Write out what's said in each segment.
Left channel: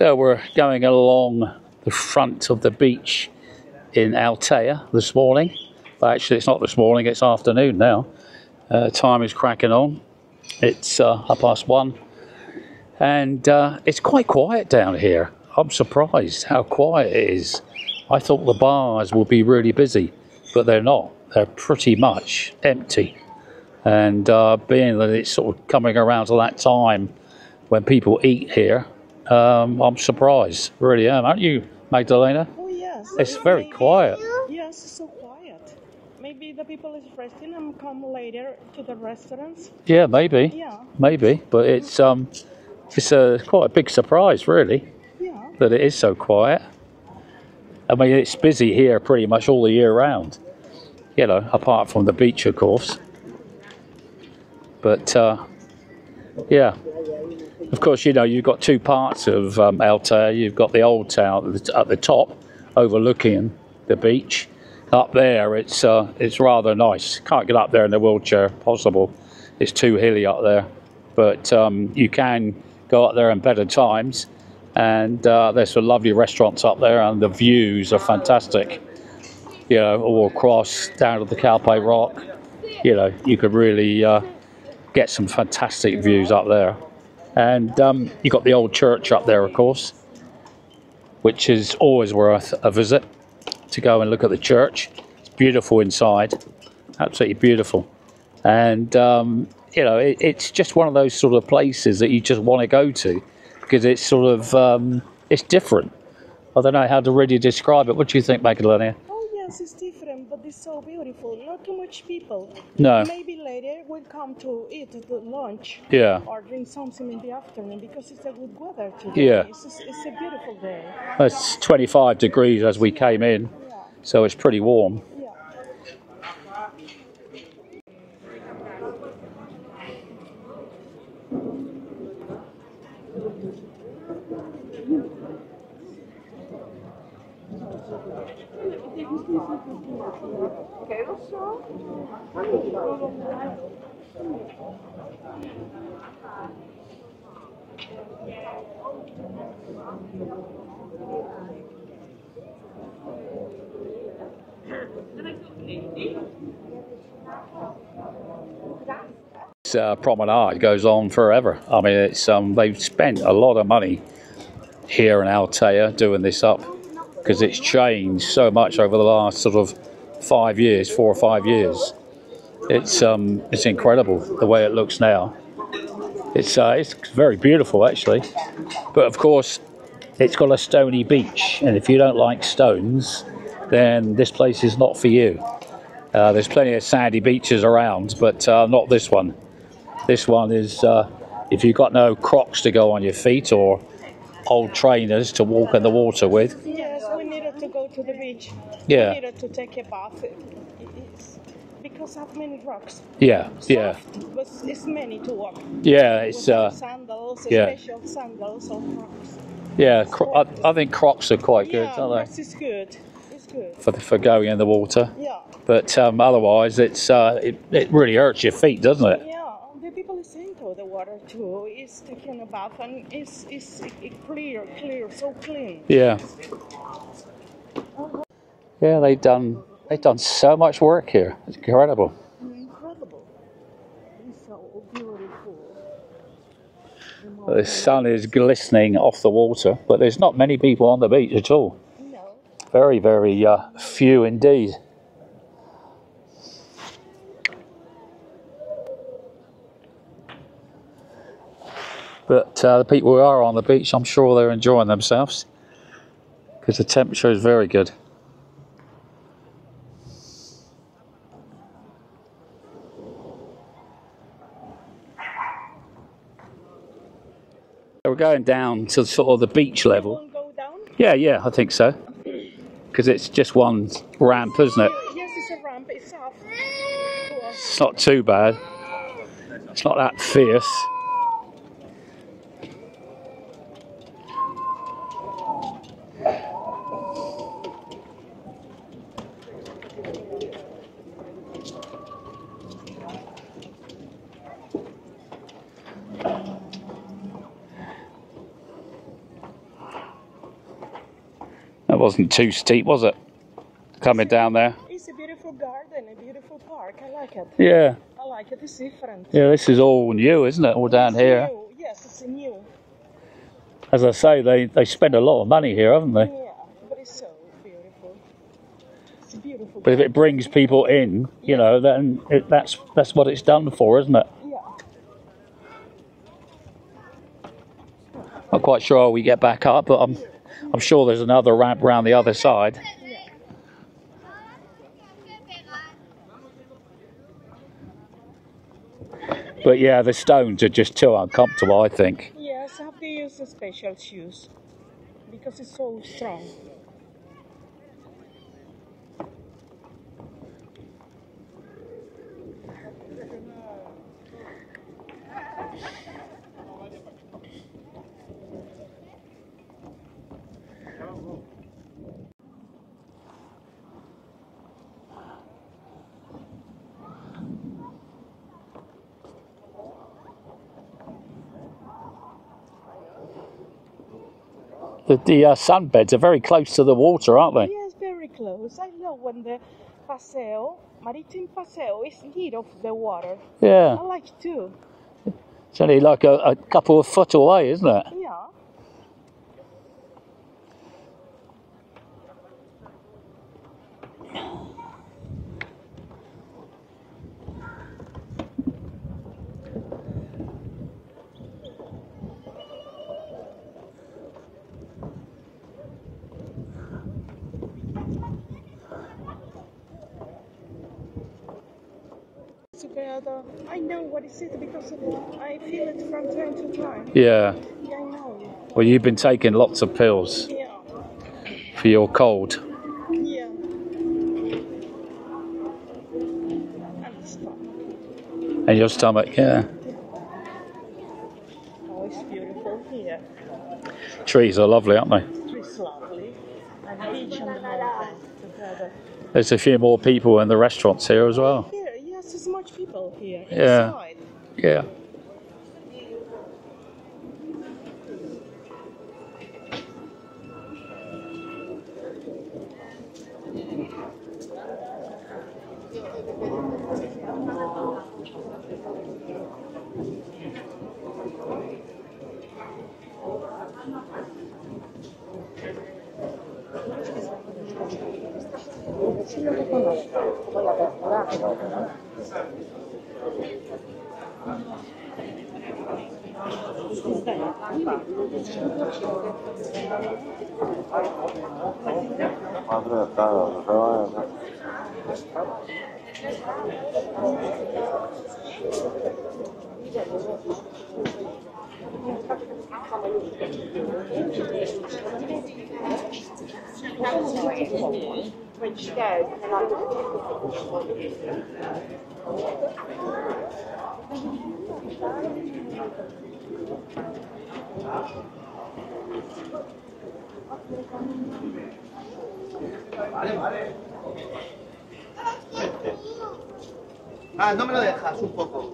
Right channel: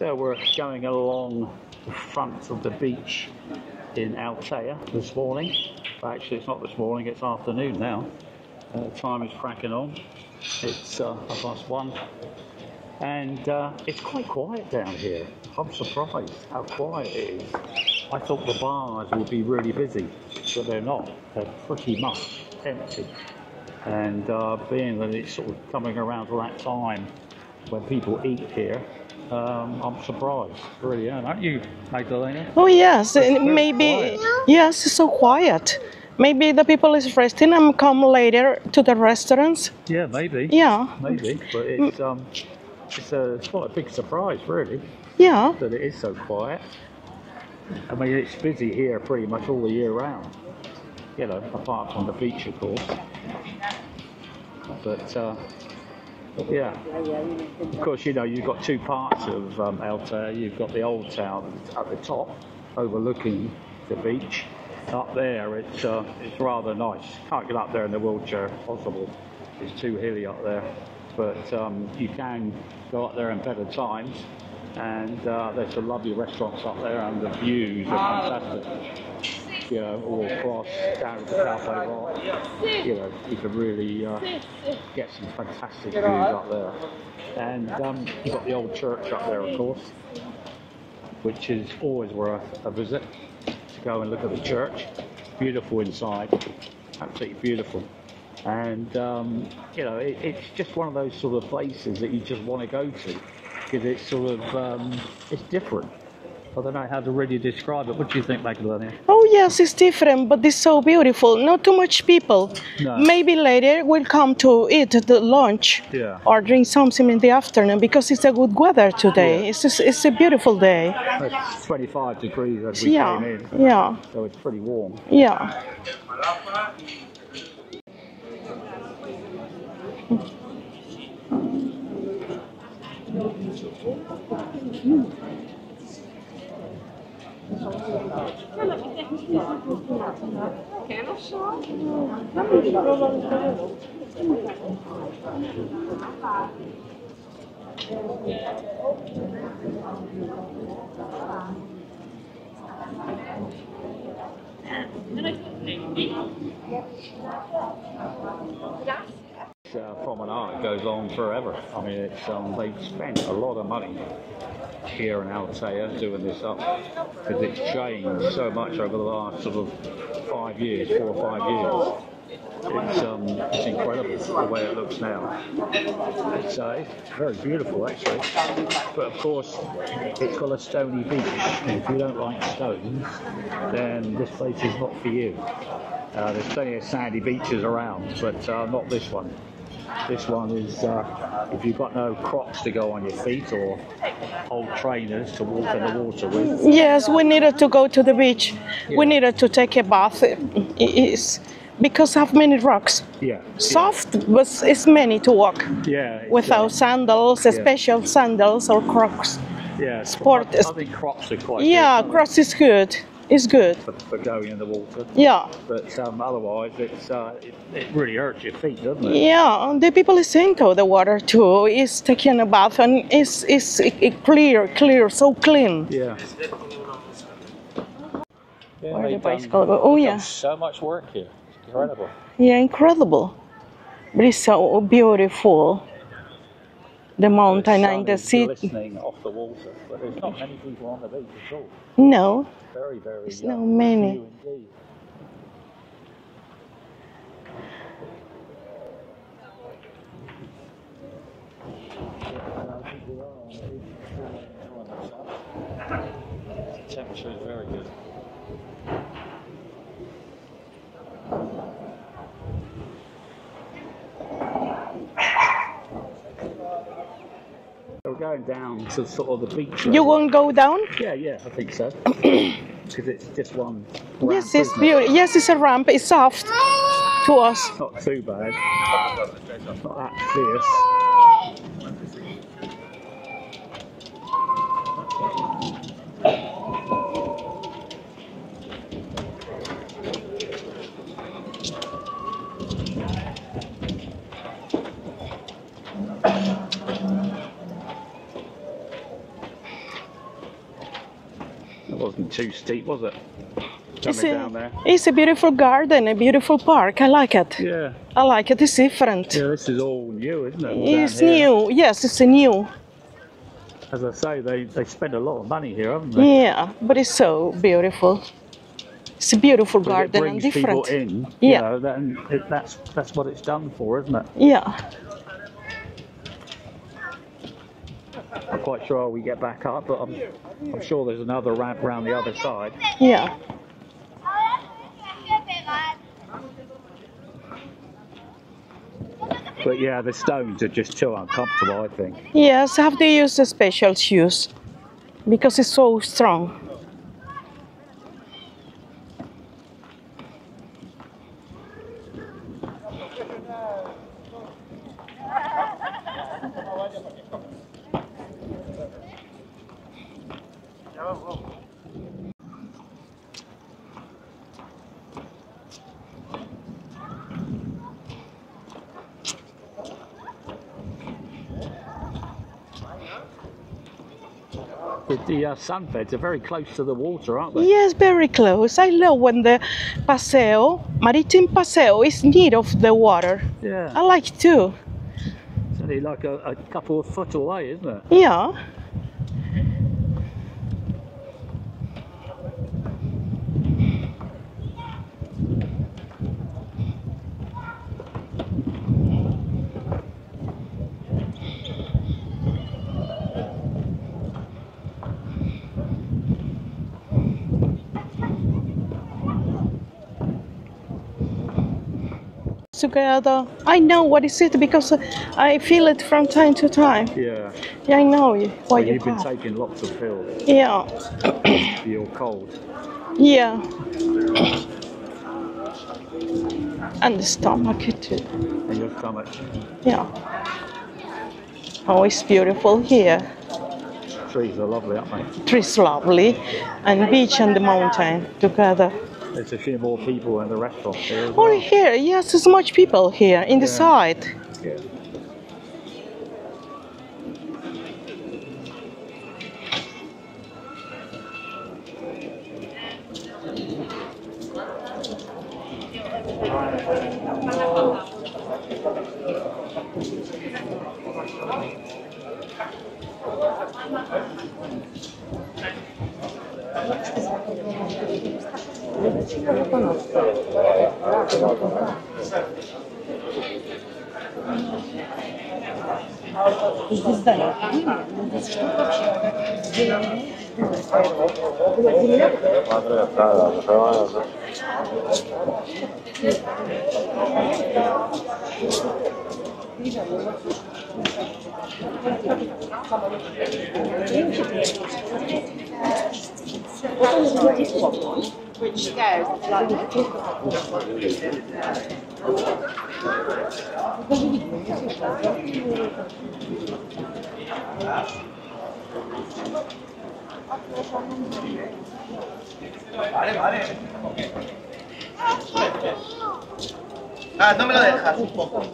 So we're going along the front of the beach in Altea this morning. Well, actually, it's not this morning, it's afternoon now. Time is cracking on. It's 1:30. And it's quite quiet down here. I'm surprised how quiet it is. I thought the bars would be really busy, but they're not. They're pretty much empty. And being that it's sort of coming around to that time when people eat here, I'm surprised, really am. Aren't you, Magdalena? Oh yes, It's very maybe. quiet. Yes, it's so quiet. Maybe the people is resting and come later to the restaurants. Yeah, maybe. Yeah. Maybe, but it's quite a big surprise, really, Yeah. that it is so quiet. I mean, it's busy here pretty much all the year round, you know, apart from the beach, of course. But yeah, of course, you know, you've got two parts of Altea. You've got the old town at the top, overlooking the beach. Up there, it's rather nice. Can't get up there in a wheelchair, possible. It's too hilly up there. But you can go up there in better times. And there's some lovely restaurants up there, and the views are fantastic. You know, all across down to the Calpe Rock. You know, you could really get some fantastic views up there. And you've got the old church up there, of course, which is always worth a visit to go and look at the church. It's beautiful inside, absolutely beautiful. And, you know, it's just one of those sort of places that you just want to go to because it's sort of, it's different. I don't know how to really describe it. What do you think, Magdalena? Oh yes, it's different, but it's so beautiful. Not too much people. No. Maybe later we'll come to eat the lunch. Yeah. Or drink something in the afternoon because it's a good weather today. Yeah. It's a beautiful day. It's 25 degrees as we came in. Yeah. So it's pretty warm. Yeah. Promenade goes on forever. I mean, it's they've spent a lot of money here in Altea doing this up because it's changed so much over the last sort of 4 or 5 years. It's incredible the way it looks now. It's very beautiful actually, but of course it's got a stony beach, and if you don't like stones, then this place is not for you. There's plenty of sandy beaches around, but not this one. This one is, if you've got no Crocs to go on your feet or old trainers to walk in the water with. Yes, we needed to go to the beach. Yeah. We needed to take a bath. It's because of many rocks. Yeah. Soft, but it's many to walk. Yeah. Without sandals, special sandals or Crocs. Yeah. Sport I think Crocs are quite good. Yeah, Crocs is good. It's good. For going in the water. Yeah. But otherwise, it really hurts your feet, doesn't it? Yeah, the people is into the water too. It's taking a bath and it's clear, so clean. Yeah. Yeah, they've done so much work here. It's incredible. Yeah, incredible. But it's so beautiful. The mountain The sun and the is city. glistening off the water, but there's not many people on the beach at all. No. Very, very few indeed. But the people who are on the beach, I'm sure they're enjoying themselves because the temperature is very good. We're going down to sort of the beach level. You won't go down? Yeah, I think so. Because it's just one ramp, isn't it? Yes, it's a ramp. It's soft to us. It's not too bad. It's not that fierce. wasn't too steep, was it? Coming down there. It's a beautiful garden, a beautiful park. I like it. Yeah. I like it. It's different. Yeah, this is all new, isn't it? All down It's here. new. Yes, it's a new. As I say, they spend a lot of money here, haven't they? Yeah, but it's so beautiful. It's a beautiful But garden. if it brings and people different. in, Yeah. you know, then that's what it's done for, isn't it? Yeah. Not quite sure how we get back up, but I'm sure there's another ramp around the other side. Yeah. But yeah, the stones are just too uncomfortable, I think. Yes, I have to use the special shoes because it's so strong. The sunbeds are very close to the water, aren't they? Yes, very close. I love when the paseo, maritime paseo, is near of the water. Yeah. I like too. It's only like a couple of foot away, isn't it? Yeah. Together. I know what is it because I feel it from time to time. Yeah. Yeah, I know. Well, you've been taking lots of pills Yeah. for your cold. Yeah. And the stomach too. And your stomach, yeah. Yeah. Oh, it's beautiful here. Trees are lovely, aren't they? Trees lovely, and beach and the mountain together. There's a few more people in the restaurants here as Oh, well. here, yes, there's much people here in the Yeah. side. Yeah. Ah, no me lo dejas un poco.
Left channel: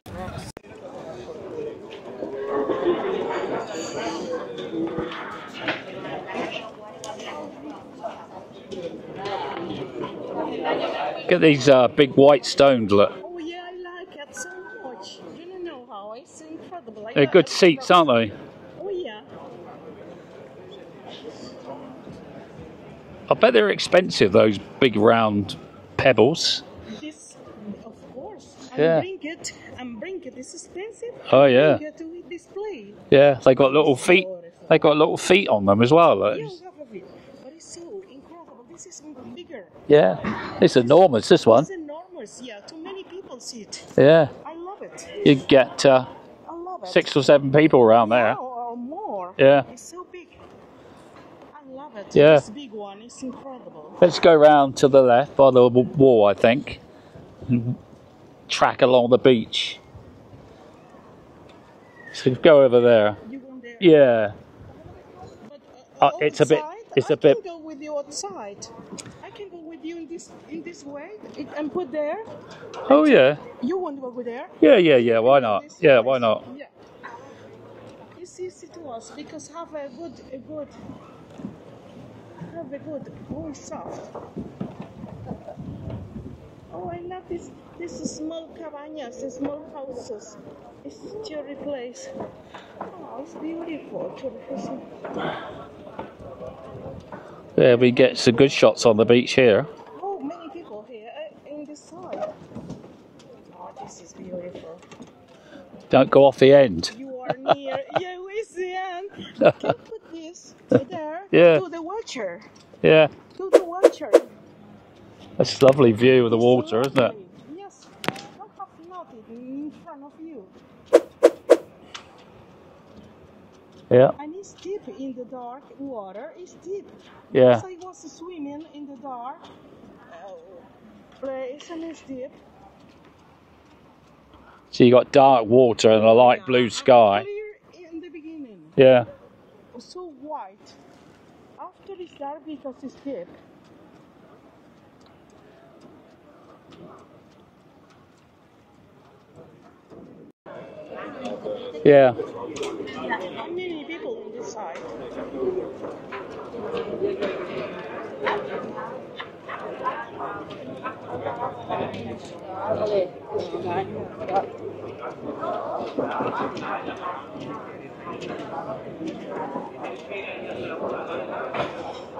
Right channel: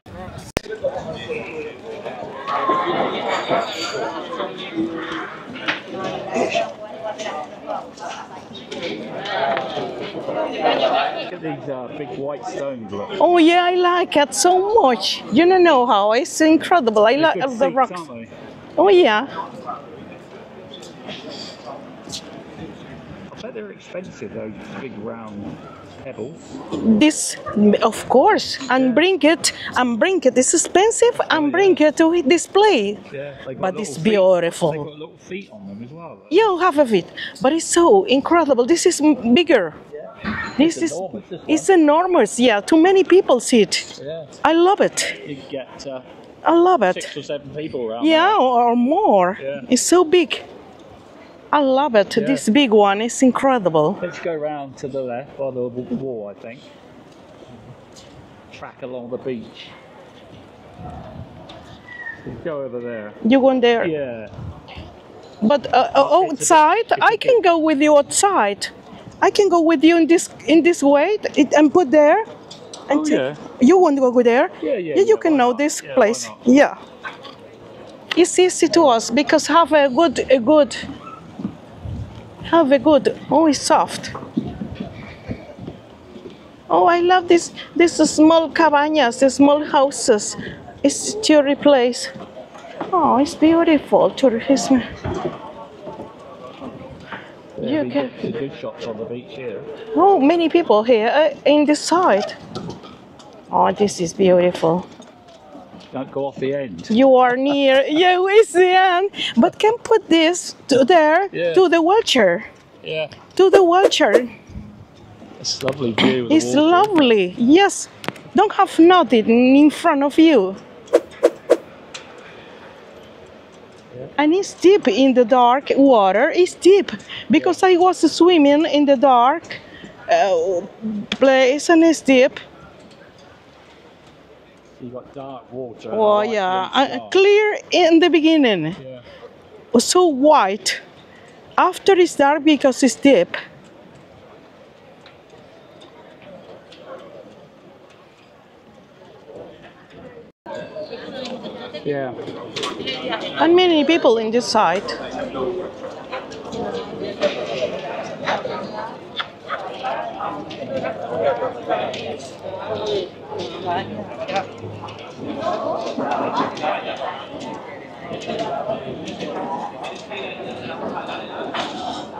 Get these big white stones, look. Oh yeah, I like it so much. You don't know how, it's incredible. I They're like good the seats, rocks. aren't they? Oh yeah. I bet they're expensive, those big round pebbles. This, of course, and Yeah. bring it. It's expensive, and Oh, bring yeah. it to display. Yeah, they got But little it's feet. beautiful. They got little feet on them as well. Look. You have a bit, but it's so incredible. This is bigger. Yeah. This It's is- enormous, this one. It's enormous. Yeah, too many people see it. Yeah. I love it. You get I love it. 6 or 7 people around Yeah, there. or more. Yeah. It's so big. I love it. Yeah. This big one is incredible. Let's go round to the left by the wall, I think. Track along the beach. So go over there. You go in there. Yeah. But it's a bit- outside, it's a I can bit- go with you outside. I can go with you in this way and put there. Oh yeah. You want to go there? Yeah, yeah, You yeah, can why know not? this Yeah, why place. not? Yeah. It's easy to us because have a good Have a good. Oh, it's soft. Oh, I love this. This small cabañas, the small houses. It's tourist place. Oh, it's beautiful. Tourism. There we get some good shots on the beach here. Oh, many people here in this side. Oh, this is beautiful. Don't go off the end. You are near. You is the end. But can put this to there to the watcher. Yeah. To the watcher. That's a lovely view of the water. It's lovely. Yes. Don't have nothing in front of you. Yeah. And it's deep in the dark water. It's deep because I was swimming in the dark place and it's deep. So you got dark water and a light blue sky. Clear in the beginning. Yeah. So white. After it's dark because it's deep. Yeah. And many people in this side.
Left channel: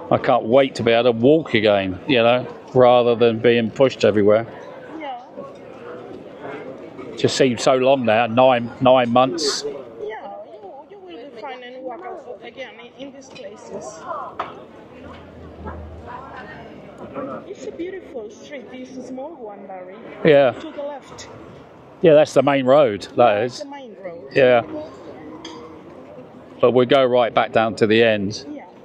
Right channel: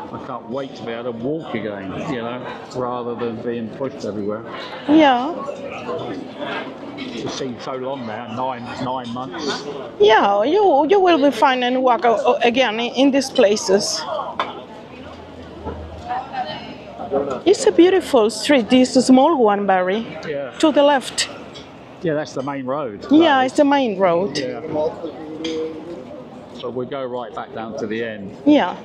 I can't wait to be able to walk again, you know, rather than being pushed everywhere. Yeah. Just seems so long now, nine months. Yeah, you will be fine and walk again in these places. It's a beautiful street, this small one, Barry. Yeah. To the left. Yeah, that's the main road. Yeah, it's the main road. Yeah. But we go right back down to the end. Yeah.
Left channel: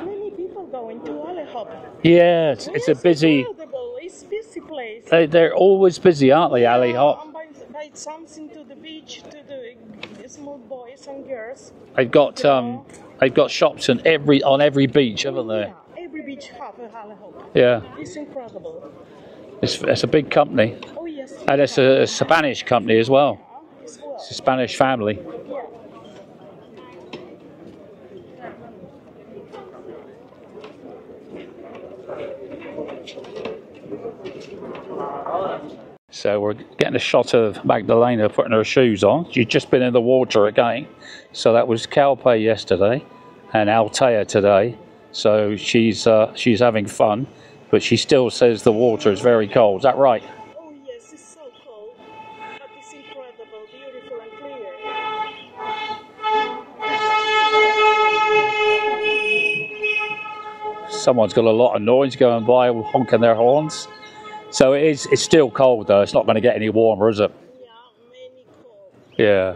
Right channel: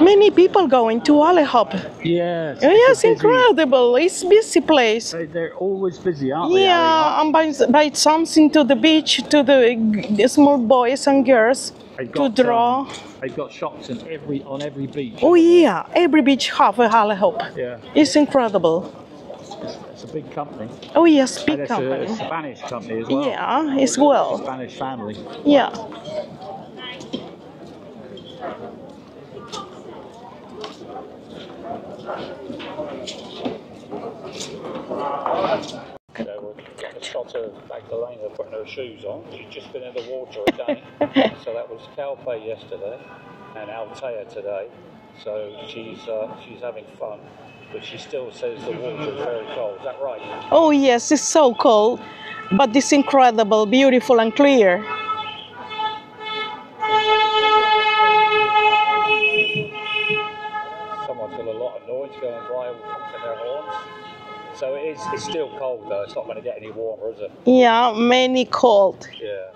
Many people going to Alehop. Yeah, Yes, incredible. It's a busy place. They're always busy, aren't they, Ali? Yeah, and buy something to the beach to the small boys and girls. They've got shops on every beach. Oh haven't they? yeah, every beach have a Alehop. Yeah. It's incredible. It's a big company. Oh yes, big And it's a Spanish company as well. Yeah, it's well. It's a Spanish family. Yeah. So we're getting a shot of Magdalena putting her shoes on. She's just been in the water again. So that was Calpe yesterday and Altea today. So she's having fun, but she still says the water is very cold. Is that right? Oh yes, it's so cold, but it's incredible, beautiful and clear. Someone's got a lot of noise going by, honking their horns. So it's still cold though. It's not going to get any warmer, is it? Yeah, many cold. Yeah.